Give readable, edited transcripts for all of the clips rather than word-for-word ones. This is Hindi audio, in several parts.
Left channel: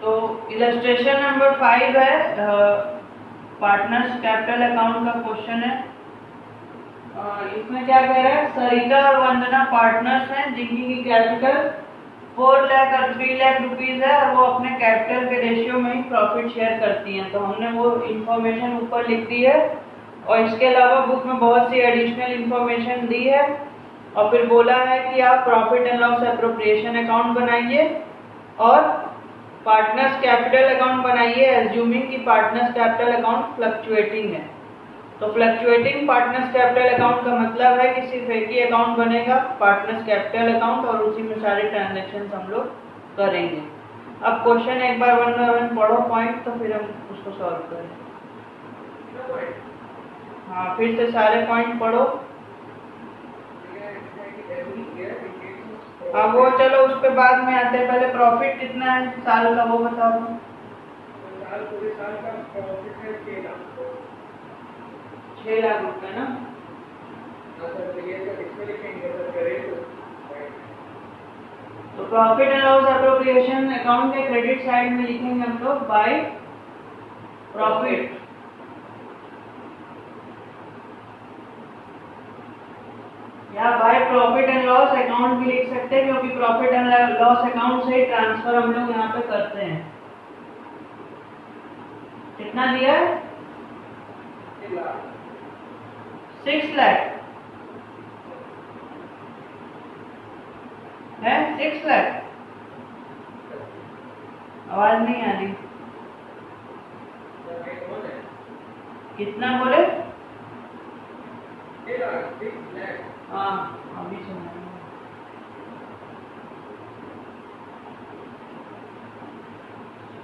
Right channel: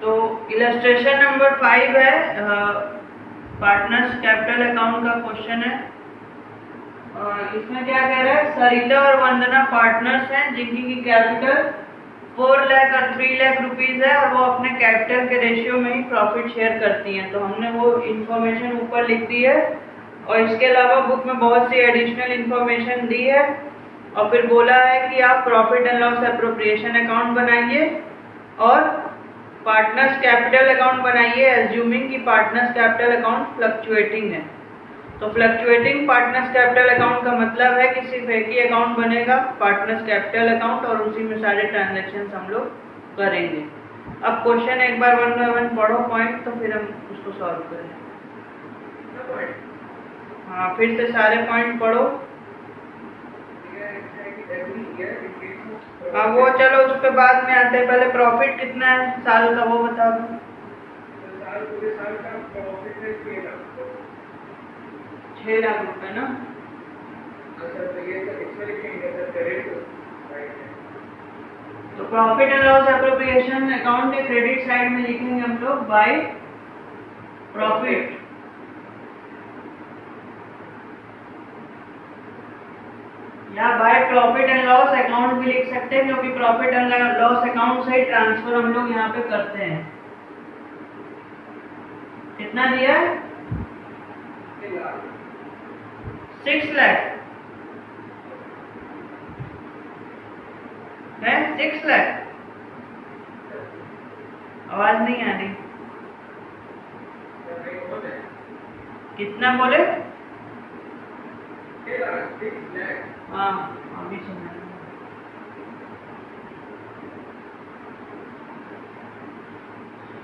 तो इलस्ट्रेशन नंबर 5 है, पार्टनर्स कैपिटल अकाउंट का क्वेश्चन है। इसमें क्या कह रहा है, सरिता और वंदना पार्टनर्स हैं जिनकी कैपिटल 4 लाख और 3 लाख रुपीज है और वो अपने कैपिटल के रेशियो में ही प्रॉफिट शेयर करती हैं। तो हमने वो इन्फॉर्मेशन ऊपर लिख दी है और इसके अलावा बुक में बहुत सी एडिशनल इन्फॉर्मेशन दी है और फिर बोला है कि आप profit and loss appropriation account बनाइए और पार्टनर्स कैपिटल अकाउंट बनाइए, एज्यूमिंग कि पार्टनर्स कैपिटल अकाउंट फ्लक्चुएटिंग है। तो फ्लक्चुएटिंग पार्टनर्स कैपिटल अकाउंट का मतलब है कि सिर्फ एक ही अकाउंट बनेगा, पार्टनर्स कैपिटल अकाउंट, और उसी में सारे ट्रांजैक्शंस हम लोग करेंगे। अब क्वेश्चन एक बार 1 बाय 1 पढ़ो पॉइंट, तो फिर हम उसको सॉल्व करें। हाँ, फिर से सारे पॉइंट पढ़ो। हाँ, वो चलो उस पे बाद में आते हैं, पहले प्रॉफिट कितना है साल का वो बता दो। पूरे साल का प्रॉफिट है 6 लाख रुपए ना। तो profit and loss appropriation account के क्रेडिट साइड में लिखेंगे हम लोग बाय प्रॉफिट, या by profit and loss account भी लिख सकते हैं, क्योंकि प्रॉफिट एंड लॉस अकाउंट से ही ट्रांसफर हम लोग यहाँ पे करते हैं। कितना दिया है? 6 लाख है, 6 लाख। आवाज नहीं आ रही, कितना बोले? हाँ, अभी सुना।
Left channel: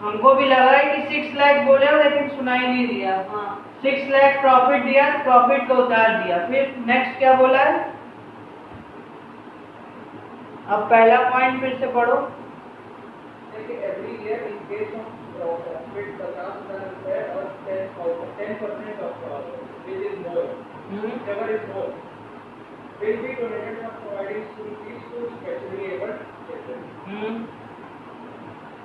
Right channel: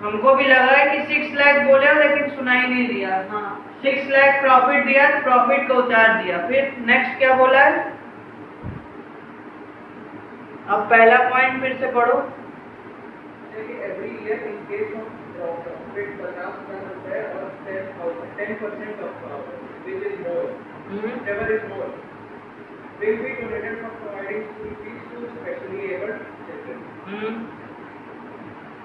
हमको भी लगा है कि 6 लाख बोले, लेकिन सुनाई नहीं दिया। हाँ, 6 लाख प्रॉफिट दिया, प्रॉफिट को उतार दिया। फिर नेक्स्ट क्या बोला है? अब पहला पॉइंट फिर से पढ़ो। Every year in case of profit 50,000 रुपए और 10% of profit which is more, whichever is more, will be donated for providing school fees to specially abled children.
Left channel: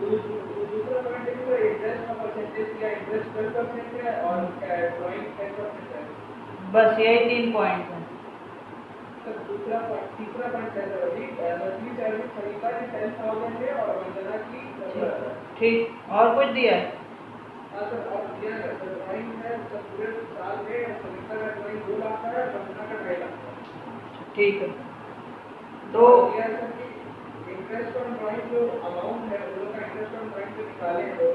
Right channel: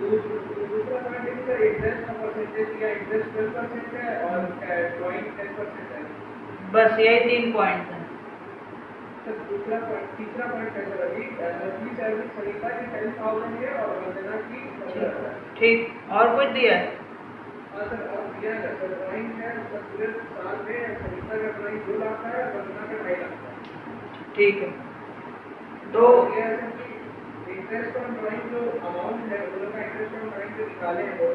दूसरा पॉइंट है सर, इंटरेस्ट का परसेंटेज या इंटरेस्ट 12% है और ड्राइंग 10% है। बस यही 3 पॉइंट है सर। तीसरा पॉइंट है सर, अभी मंथली सैलरी सरिता की 10,000 है और वंदना की 15,000। ठीक, और कुछ दिया है? हाँ सर, और दिया है सर। ड्राइंग है सर, पूरे साल में सरिता का ड्राइंग 2 लाख का है और वंदना का 2.5 लाख का। ठीक है। तो इंटरेस्ट ऑन ड्राइंग जो अमाउंट है, वो लोग का इंटरेस्ट ऑन ड्राइंग जो निकाले हैं वो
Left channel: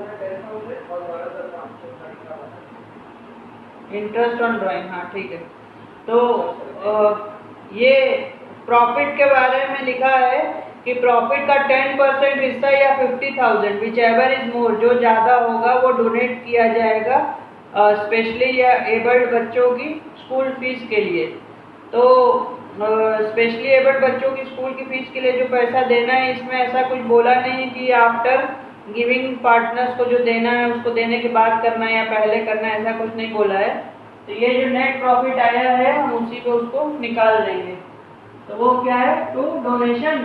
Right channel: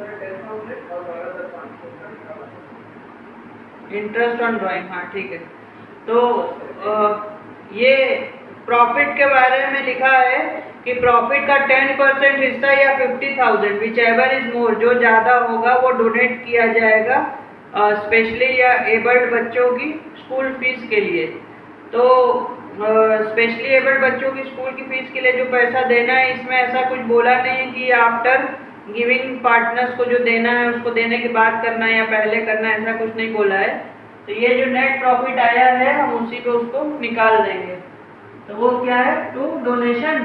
है 10,000 और 12,500 का निकाला इंटरेस्ट ऑन ड्राइंग। हाँ, ठीक है। तो ये प्रॉफिट के बारे में लिखा है कि प्रॉफिट का 10% हिस्सा या 50,000 विच एवर इज मोर, जो ज़्यादा होगा वो डोनेट किया जाएगा स्पेशली या एबल्ड बच्चों की स्कूल फीस के लिए। तो स्पेशली एबल्ड बच्चों की स्कूल की फीस के लिए जो पैसा देना है, इसमें ऐसा कुछ बोला नहीं है कि आफ्टर गिविंग पार्टनर्स को जो देना है उसको देने के बाद करना है या पहले करना है, ऐसा कुछ नहीं बोला है। तो ये जो नेट प्रॉफिट आया है हम उसी पे उसको निकाल देंगे। तो वो क्या है? टू डोनेशन,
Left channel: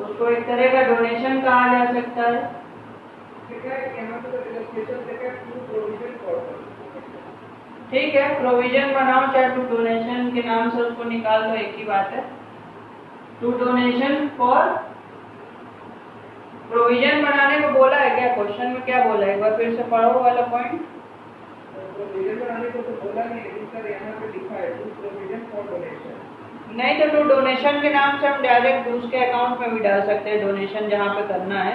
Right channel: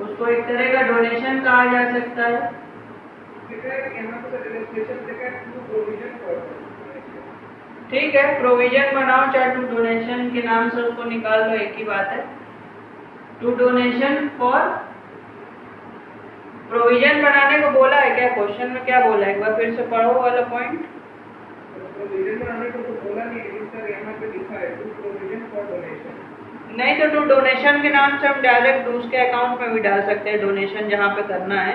उसको एक तरह का डोनेशन कहा जा सकता है। ठीक है, प्रोविजन बनाओ चाहे टू डोनेशन के नाम से उसको निकाल लो, एक ही बात है। टू डोनेशन फॉर, प्रोविजन बनाने को बोला है क्या? क्वेश्चन में क्या बोला है? एक बार फिर से पढ़ो वाला पॉइंट। प्रोविजन बनाने को तो बोला नहीं, लेकिन सर यहाँ पे लिखा है टू प्रोविजन फॉर डोनेशन। नहीं, तो टू डोनेशन के नाम से हम डायरेक्ट दूसरे अकाउंट में भी डाल सकते हैं डोनेशन जहाँ पे करना है,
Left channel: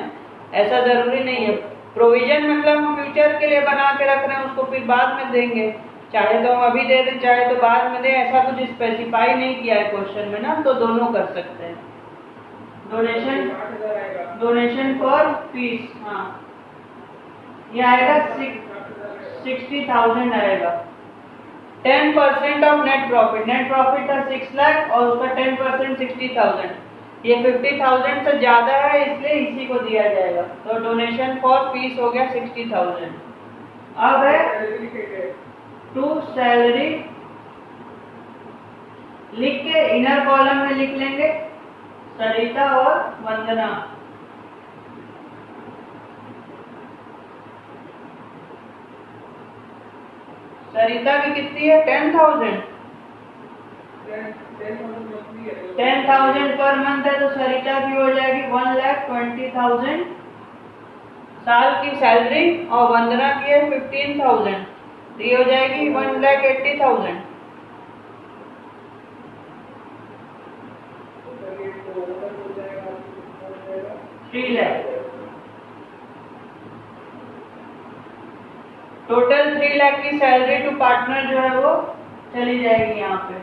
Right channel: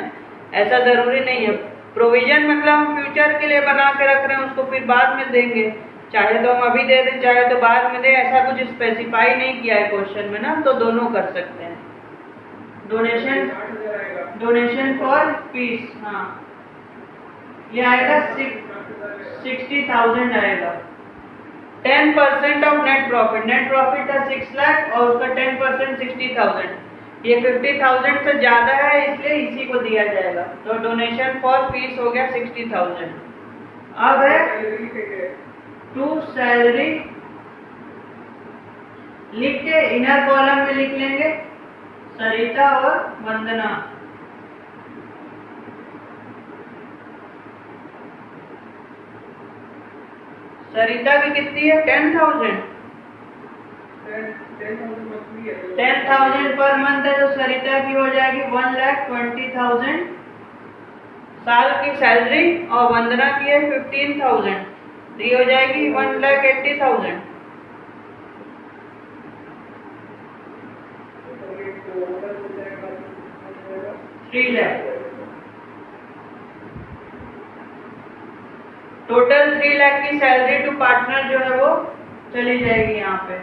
ऐसा जरूरी नहीं है। प्रोविजन मतलब हम फ्यूचर के लिए बना के रख रहे हैं, उसको फिर बाद में देंगे, चाहे तो हम अभी दे दें चाहे तो बाद में दें, ऐसा कुछ स्पेसिफाई नहीं किया है क्वेश्चन में ना, तो दोनों कर सकते हैं। डोनेशन फॉर फीस, हाँ, ये आएगा 60,000 आएगा। 10% of net profit, net profit था 6 लाख और उसका 10% 60,000, ये 50,000 से ज्यादा है इसलिए इसी को दिया जाएगा। तो डोनेशन फॉर फीस हो गया 60,000। अब है टू सैलरी, लिख के इनर कॉलम में लिख लेंगे सरिता और वंदना। सरिता की कितनी है? 10,000। 10,000 पर मंथ है तो सरिता की हो जाएगी 1,20,000 साल की सैलरी, और वंदना की है 15,000, तो ये हो जाएगी 1,80,000। 3 लाख टोटल। 3 लाख की सैलरी टू पार्टनर जो है वो चली जाएगी यहाँ पे।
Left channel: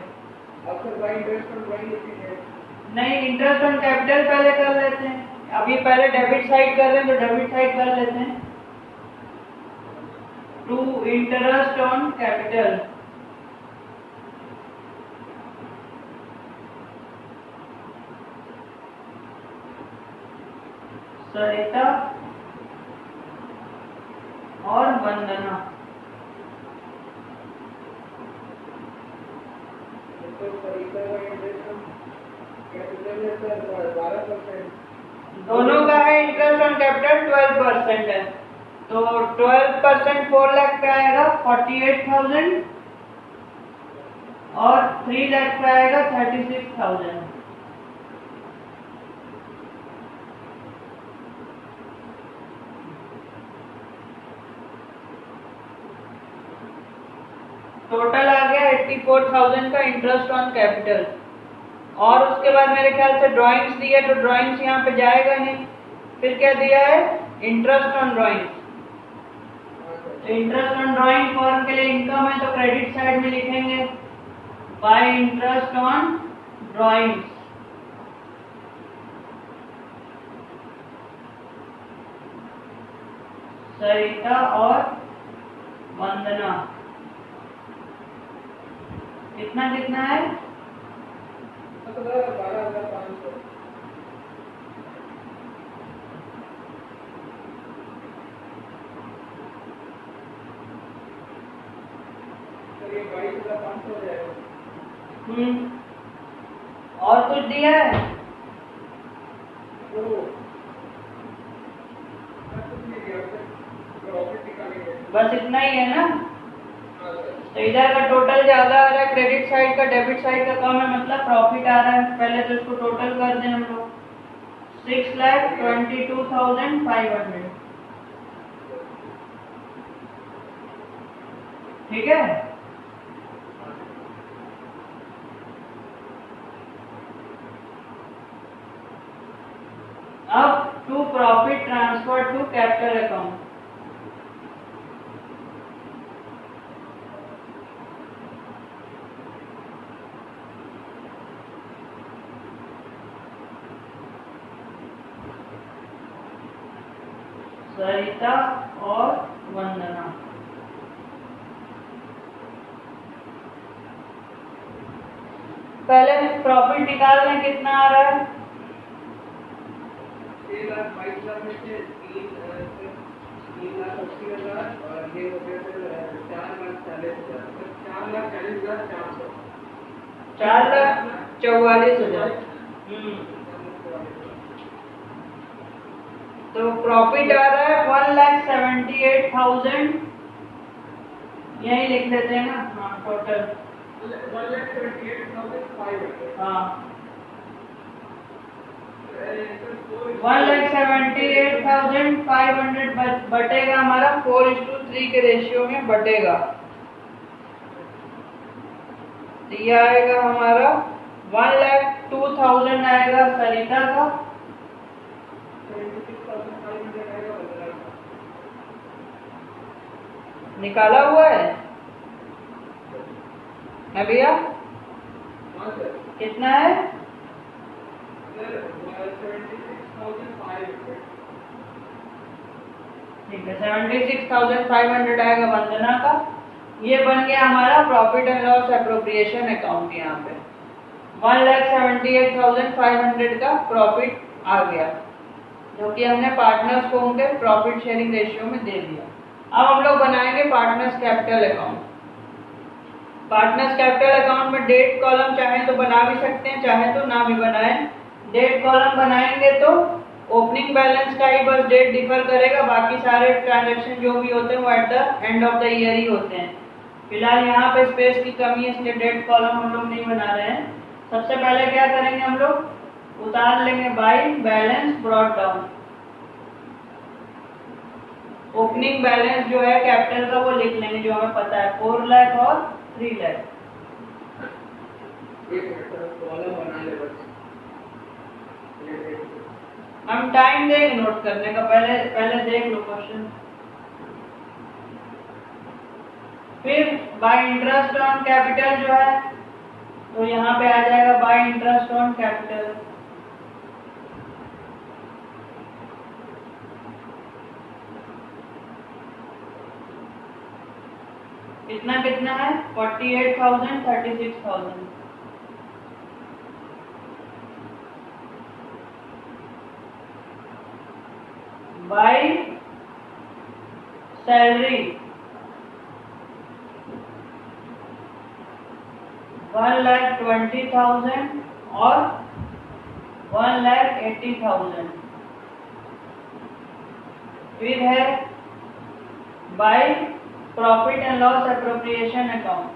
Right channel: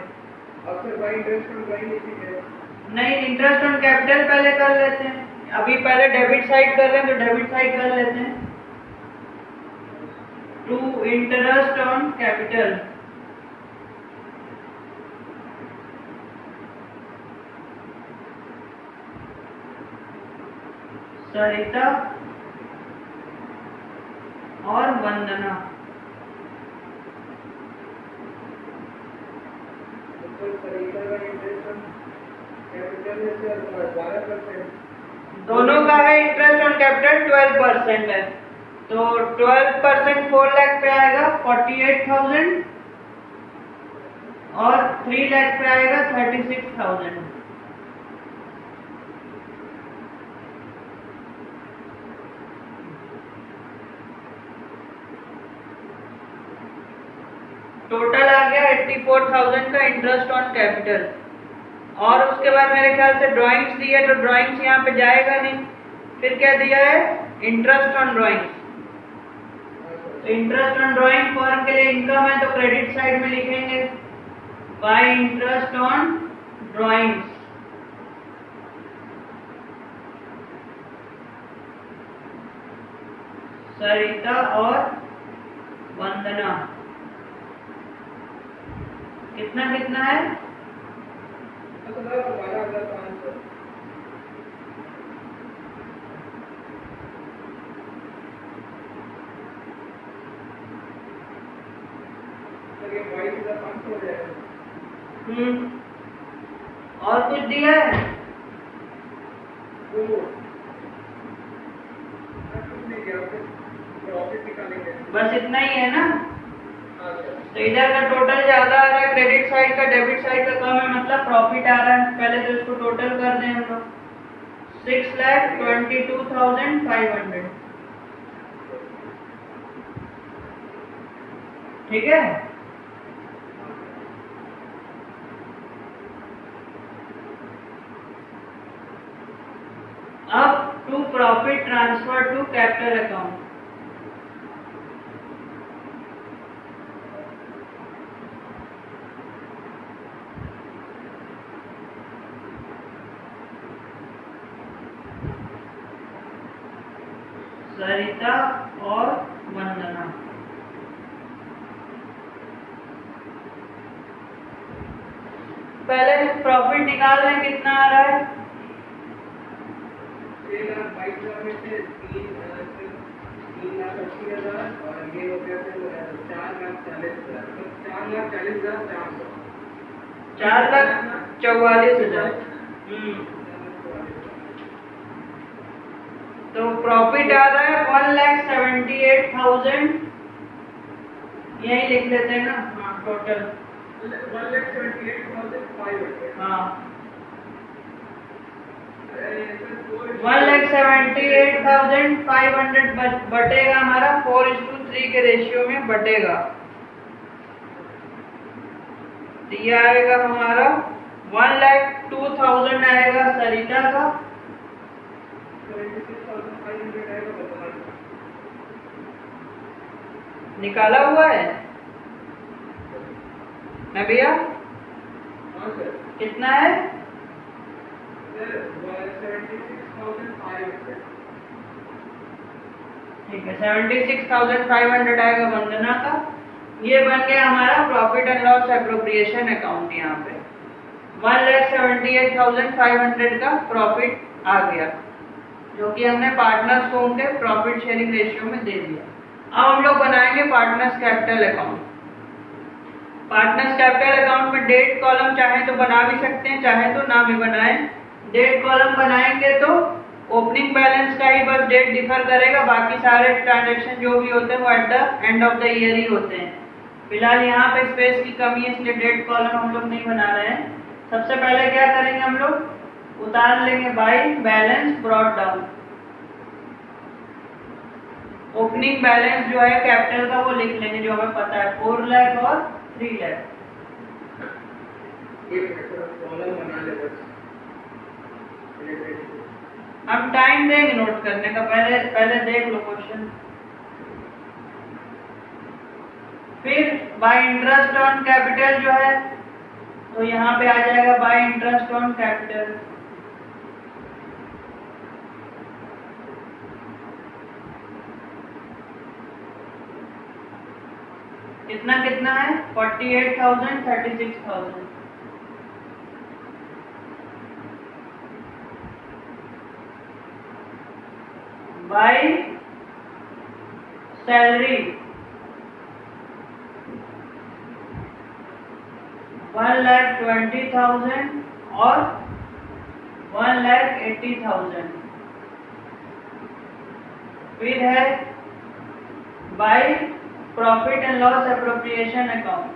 नहीं, इंटरेस्ट ऑन कैपिटल पहले कर लेते हैं। अभी पहले डेबिट साइड कर रहे हैं तो डेबिट साइड कर लेते हैं। टू इंटरेस्ट ऑन कैपिटल, सरिता और वंदना। दोनों का है इंटरेस्ट ऑन कैपिटल 12% है, तो 12% 4 लाख पे आएगा 48,000, और 3 लाख पे आएगा 36,000। टोटल आ गया 84,000 का इंटरेस्ट ऑन कैपिटल। और उसके बाद मेरे ख्याल से ड्राइंग्स दी है, तो ड्राइंग्स यहाँ पे जाएगा नहीं। फिर क्या दिया है? Interest on drawings. तो इंटरेस्ट ऑन ड्राइंग फॉर्म के लिए इनकम है तो क्रेडिट साइड में लिखेंगे बाय इंटरेस्ट ऑन ड्राइंग्स। सरिता और वंदना कितना कितना है? 12,500। ये 22,500 हो जाएगा। और कुछ दिया है? बस इतना ही है ना? तो इधर का टोटल ज्यादा आ रहा है, क्रेडिट साइड का डेबिट साइड का कम है, मतलब प्रॉफिट आ रहा है। पहले तो इसको टोटल कर दें हम लोग, 6,22,500। ठीक है। अब to profit transfer to capital account. Sarita और वंदना। पहले प्रॉफिट निकाल लें, कितना आ रहा है? 6,22,000 में से 3,80,000 और ये हो गया 4,40,000, 4,40,400। 4,44,000। तो प्रॉफिट आ रहा है 1,78,000। यही लिख देते हैं ना? हाँ, टोटल 1,78,500। हाँ, 1,78,500 बटेगा हमारा 4:3 के रेशियो में बटेगा। तो ये आएगा हमारा 1,02,000 आएगा सरिता का, 76,500 आएगा बदला। निकाला हुआ है ना भैया? हाँ सर। कितना है? सर 76,500। ठीक है, 76,500 आएगा वंदना का। ये बन गया हमारा profit and loss appropriation account. यहाँ पे 1,78,500 का प्रॉफिट आ गया, जो कि हमने पार्टनर्स को उनके प्रॉफिट शेयरिंग रेशियो में दे दिया। अब हम लोग बनाएंगे partners capital account. Partners capital account में डेट कॉलम चाहे तो बना भी सकते हैं, चाहे तो ना भी बनाएं। डेट कॉलम बनाएंगे तो ओपनिंग बैलेंस का ही बस डेट डिफर करेगा, बाकी सारे ट्रांजैक्शन जो भी होते हैं वो at the end of the year ही होते हैं। फिलहाल यहाँ पे स्पेस की कमी है इसलिए डेट कॉलम हम लोग नहीं बना रहे हैं। सबसे पहले क्या करेंगे, हम लोग उतार लेंगे by balance brought down. Opening balance जो है कैपिटल का वो लिख लेंगे जो हमें पता है, 4 लाख और 3 लाख। हम टाइम देंगे नोट करने का, पहले देख लो क्वेश्चन। फिर बाय इंटरेस्ट ऑन कैपिटल जो है तो यहाँ पे आ जाएगा बाय इंटरेस्ट ऑन कैपिटल। कितना कितना है, 48,000 36,000। बाय सैलरी 1,20,000 और 1,80,000। फिर है by profit and loss appropriation account.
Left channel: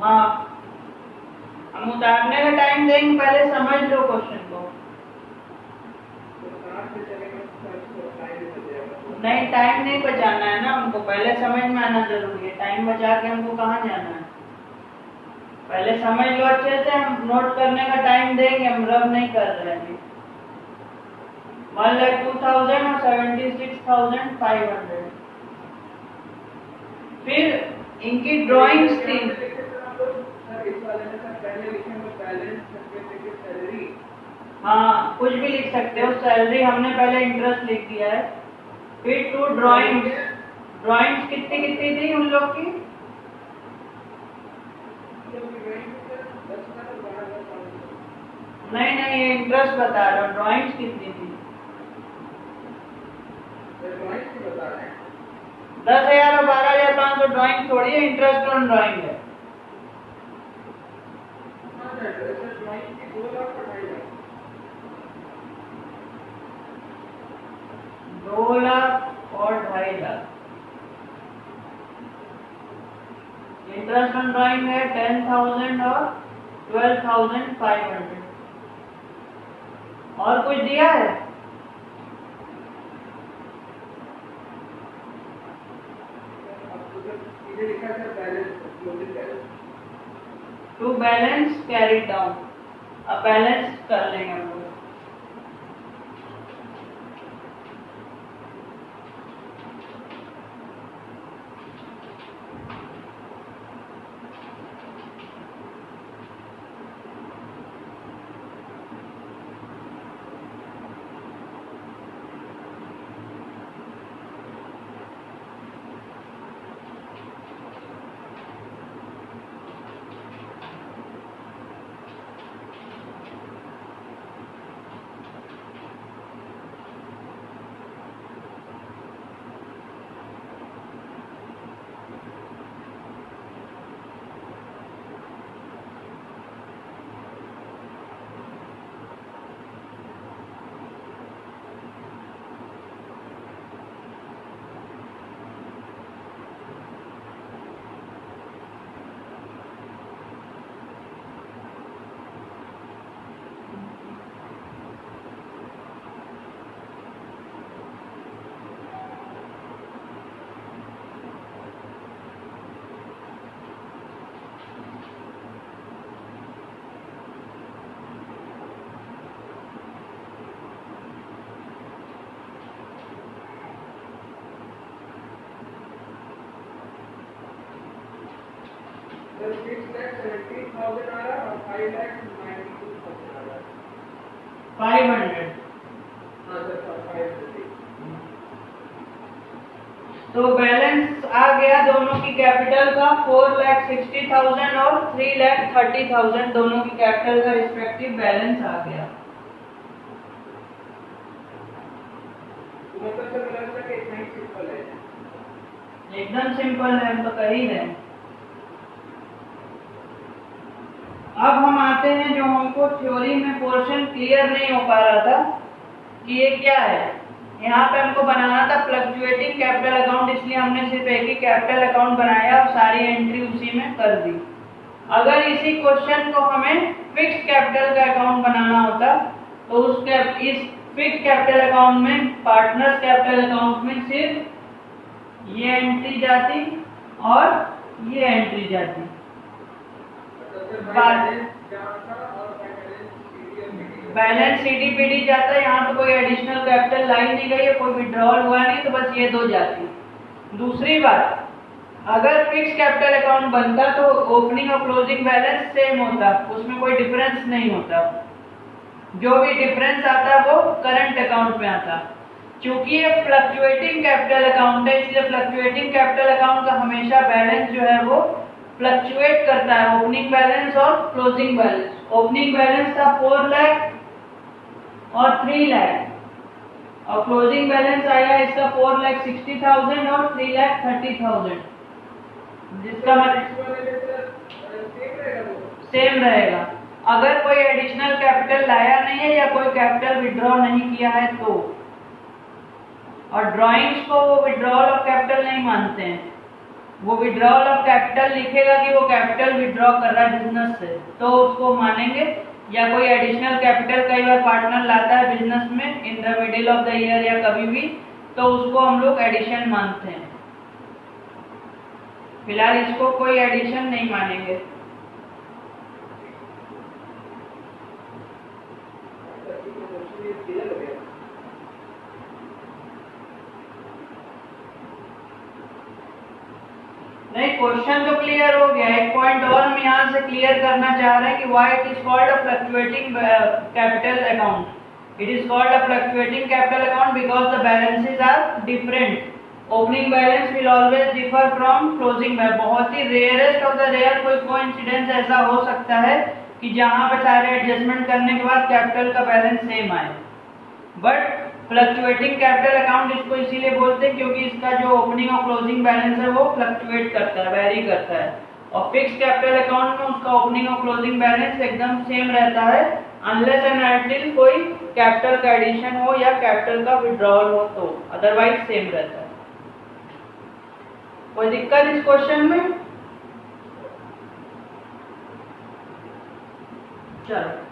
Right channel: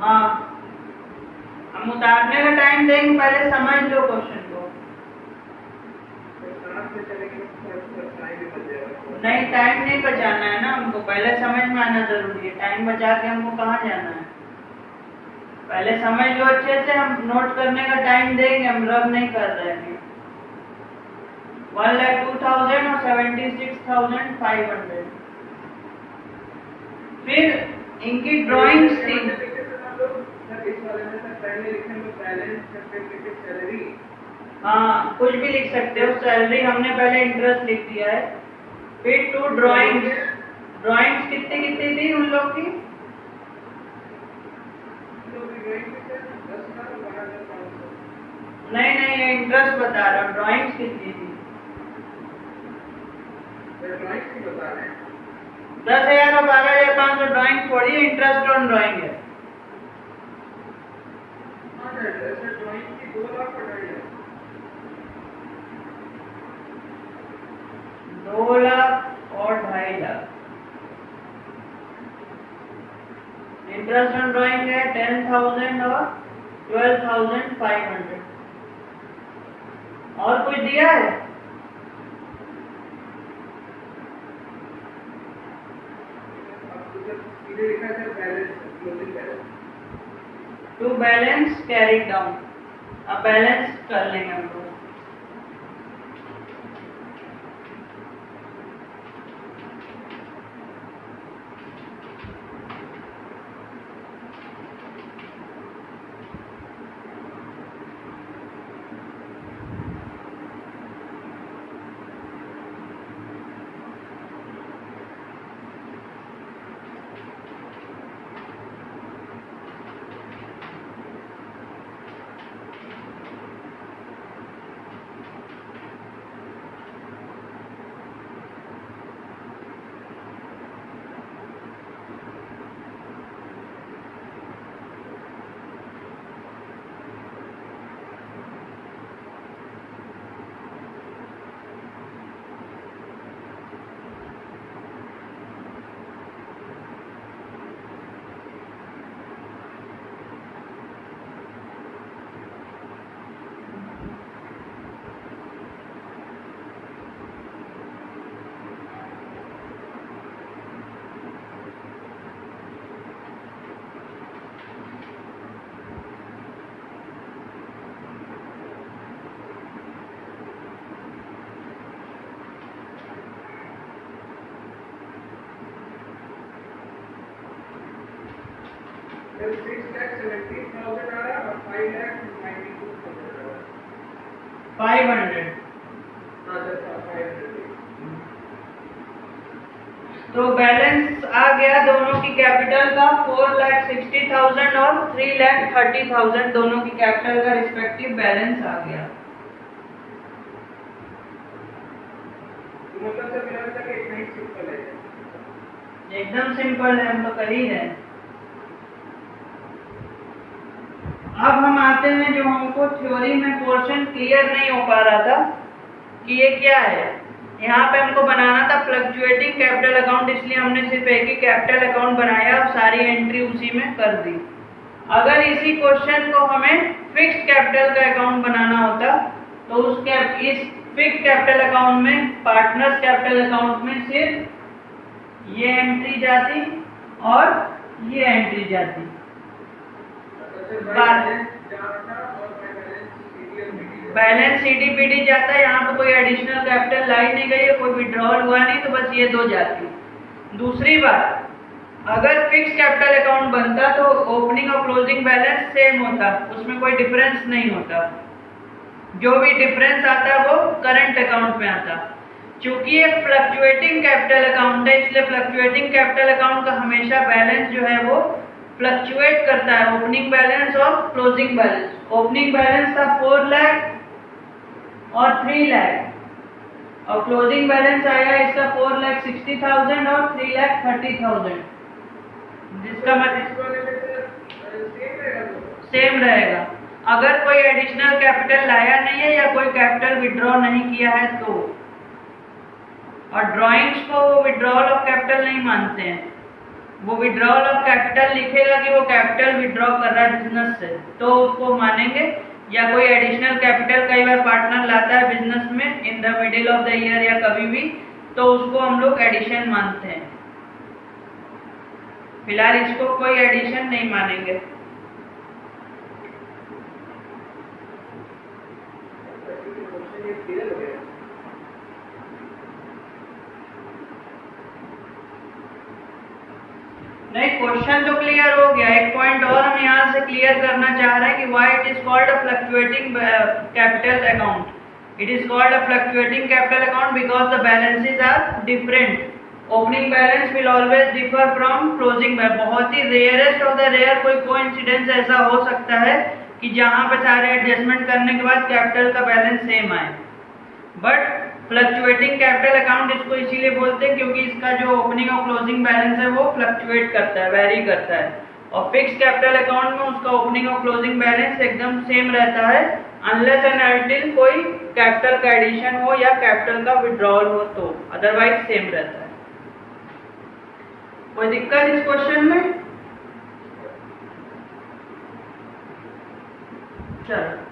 हाँ, हम उतारने का टाइम देंगे, पहले समझ लो क्वेश्चन को। नहीं, टाइम नहीं बचाना है ना हमको, पहले समझ में आना जरूरी है। टाइम बचा के हमको कहाँ जाना है, पहले समझ लो अच्छे से। हम नोट करने का टाइम देंगे, हम रब नहीं कर रहे हैं। 1,02,000 और 76,500। फिर इनकी ड्राइंग्स थी। हाँ, कुछ भी लिख सकते हो, सैलरी हमने पहले इंटरेस्ट लिख दिया है। फिर 2 ड्राइंग्स। ड्राइंग्स कितनी कितनी थी उन लोग की, नहीं नहीं ये इंटरेस्ट बता रहा हूँ, ड्राइंग्स कितनी थी। 10,000 और 12,500 ड्राइंग थोड़ी है, इंटरेस्ट ऑन ड्राइंग है। 2 लाख और 2.5 लाख। इंटरेस्ट ऑन ड्राइंग है 10,000 और 12,500। और कुछ दिया है, टू बैलेंस कैरी डाउन। अब बैलेंस कर लेंगे हम लोग। जब 6,70,000 आ रहा और 5,92,000 आ रहा 500। हाँ सर 500। तो बैलेंस आ गया दोनों की कैपिटल का 4,60,000 और 3,30,000 दोनों की कैपिटल का रिस्पेक्टिव बैलेंस आ गया। मतलब सर मिला के इतना ही सिंपल है। एकदम सिंपल है, हम तो कर ही रहे हैं। अब हम आते हैं जो हमको थ्योरी में पोर्शन क्लियर नहीं हो पा रहा था कि ये क्या है। यहाँ पे हमको बनाना था फ्लक्चुएटिंग कैपिटल अकाउंट, इसलिए हमने सिर्फ एक ही कैपिटल अकाउंट बनाया और सारी एंट्री उसी में कर दी। अगर इसी क्वेश्चन को हमें फिक्स्ड कैपिटल का अकाउंट बनाना होता तो इस फिक्स्ड कैपिटल अकाउंट में, पार्टनर्स कैपिटल अकाउंट में सिर्फ ये एंट्री जाती और ये एंट्री जाती। बैलेंस सीडीपीडी जाता है, यहाँ पे कोई एडिशनल कैपिटल लाई नहीं गई है, कोई विड्रॉल हुआ नहीं, तो बस ये दो जाती। दूसरी बात, अगर फिक्स कैपिटल अकाउंट बनता तो ओपनिंग और क्लोजिंग बैलेंस सेम होता, उसमें कोई डिफरेंस नहीं होता। जो भी डिफरेंस आता वो करंट अकाउंट में आता। चूंकि ये फ्लक्चुएटिंग कैपिटल अकाउंट है, इसलिए फ्लक्चुएटिंग कैपिटल अकाउंट का हमेशा बैलेंस जो है वो फ्लक्चुएट करता है, ओपनिंग बैलेंस और क्लोजिंग बैलेंस। ओपनिंग बैलेंस था 4 लाख और 3 लाख और क्लोजिंग बैलेंस आया इसका 4,60,000 और 3,30,000, जिसका मतलब सेम रहेगा। अगर कोई एडिशनल कैपिटल लाया नहीं है या कोई कैपिटल विड्रॉ नहीं किया है तो। और ड्राइंग्स को वो विड्रॉल ऑफ कैपिटल नहीं मानते हैं, वो विड्रॉल ऑफ कैपिटल लिखेगा कि वो कैपिटल विड्रॉ कर रहा है बिजनेस से तो उसको मानेंगे। या कोई एडिशनल कैपिटल कई बार पार्टनर लाता है बिजनेस में in the middle of the year या कभी भी, तो उसको हम लोग एडिशन मानते हैं। फिलहाल इसको कोई एडिशन नहीं मानेंगे। नहीं, क्वेश्चन तो क्लियर हो गया। एक पॉइंट और हम यहाँ से क्लियर करना चाह रहे हैं कि why it is called a fluctuating capital account. It is called a fluctuating capital account because the balances are different. Opening balance will always differ from closing balance. बहुत ही रेयरेस्ट ऑफ द रेयर कोई कोइंसिडेंस ऐसा हो सकता है कि जहां पे सारे एडजस्टमेंट करने के बाद कैपिटल का बैलेंस सेम आए। बट फ्लक्चुएटिंग कैपिटल अकाउंट इसको इसीलिए बोलते हैं क्योंकि इसका जो ओपनिंग और क्लोजिंग बैलेंस है वो फ्लक्चुएट करता है, वेरी करता है। और फिक्स कैपिटल अकाउंट में उसका ओपनिंग और क्लोजिंग बैलेंस एकदम सेम रहता है अनलेस एंड अनटिल कोई कैपिटल का एडिशन हो या कैपिटल का विड्रॉल हो, तो अदरवाइज सेम रहता है। कोई दिक्कत इस क्वेश्चन में? चलो।